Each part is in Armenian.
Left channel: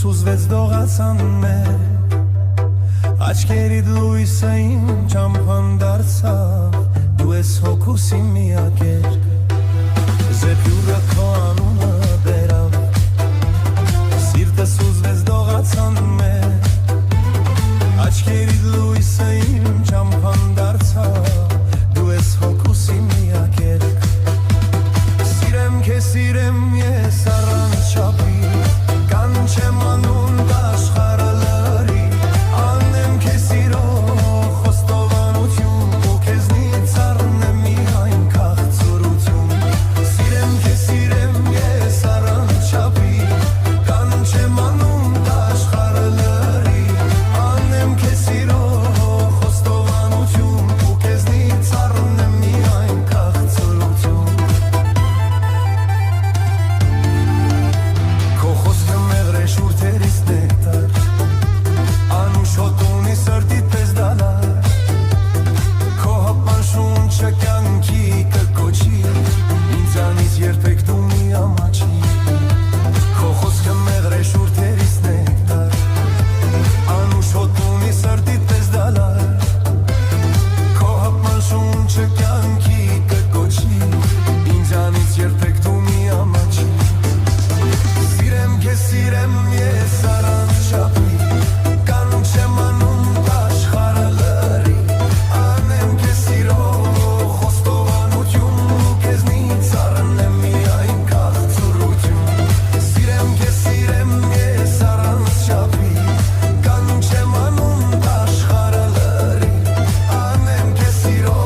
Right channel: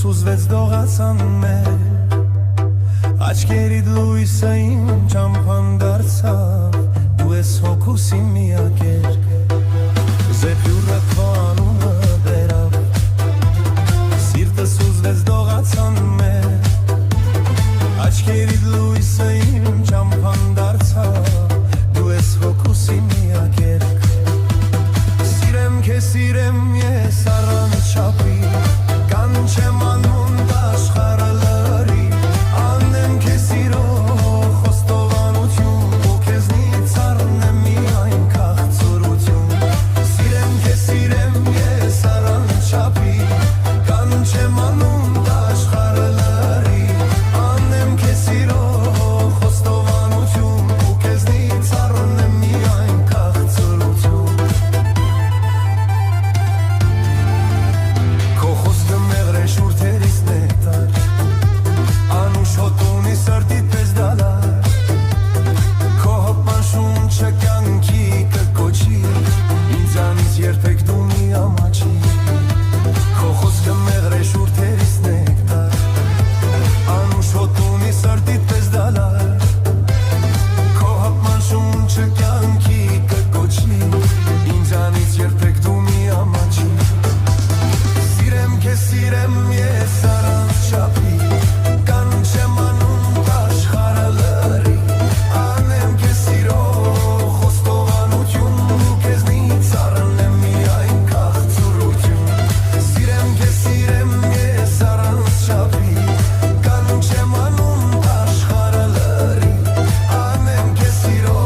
սուզվեց դողացան մեր աչքերիդ լույսը իմ ճամփան դարձավ դու ես հոգուս իմ միակեր զեփյուրը քո անունը բերավ սիրտը սուզվեց դողացան մեր աչքերիդ լույսը իմ ճամփան դարձավ դու ես հոգուս իմ միակեր Սիրեմ ես առանց չափի կանչեմ անուն աշխարհը լրի անեմ քեզ սիրո խոստովանություն ու քեզնից առնեմ միայն քաղցրություն Սիրեմ ես առանց չափի կանչեմ անուն աշխարհը լրի անեմ քեզ սիրո խոստովանություն ու քեզնից առնեմ միայն քաղցրություն Շուրթերից նեկտար Անուշոտ ունի սրտիդ պես դալար Քո հպան շունչը կյանքի կկոչի Ինձանից երբեք դու մի ամաչի Քո խոսքը մեղր է շուրթերից նեկտար Անուշոտ ունի սրտիդ պես դալար Քո հպան շունչը կյանքի կկոչի Ինձանից երբեք դու մի ամաչի Սիրեմ ես առանց չափի կանչեմ անուն աշխարհը լրի անեմ քեզ սիրո խոստովանություն ու քեզնից առնեմ միայն քաղցրություն Սիրեմ ես առանց չափի կանչեմ անուն աշխարհը լրի անեմ քեզ սիրո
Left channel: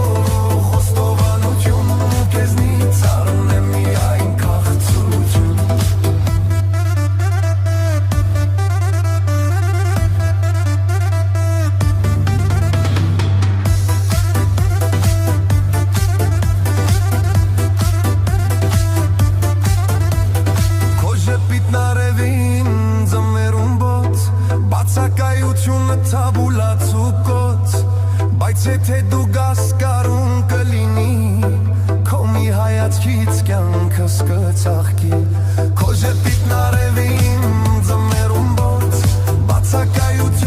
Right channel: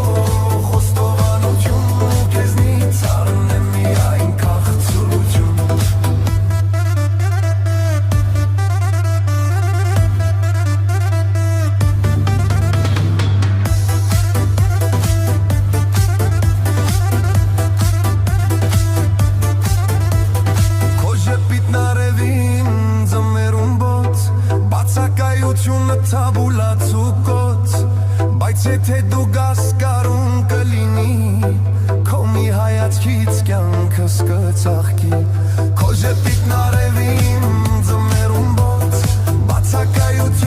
խոստովանություն ու քեզնից առնեմ միայն քաղցրություն Նարևին ձմերուն բոց բացակայությունը թաբուլաց ու կոց բայց եթե դու գաս կարուն կլինի քո մի հայացքից կյանքս կծաղկի քո ժպիտ նարևին ձմերուն բոց բացակայություն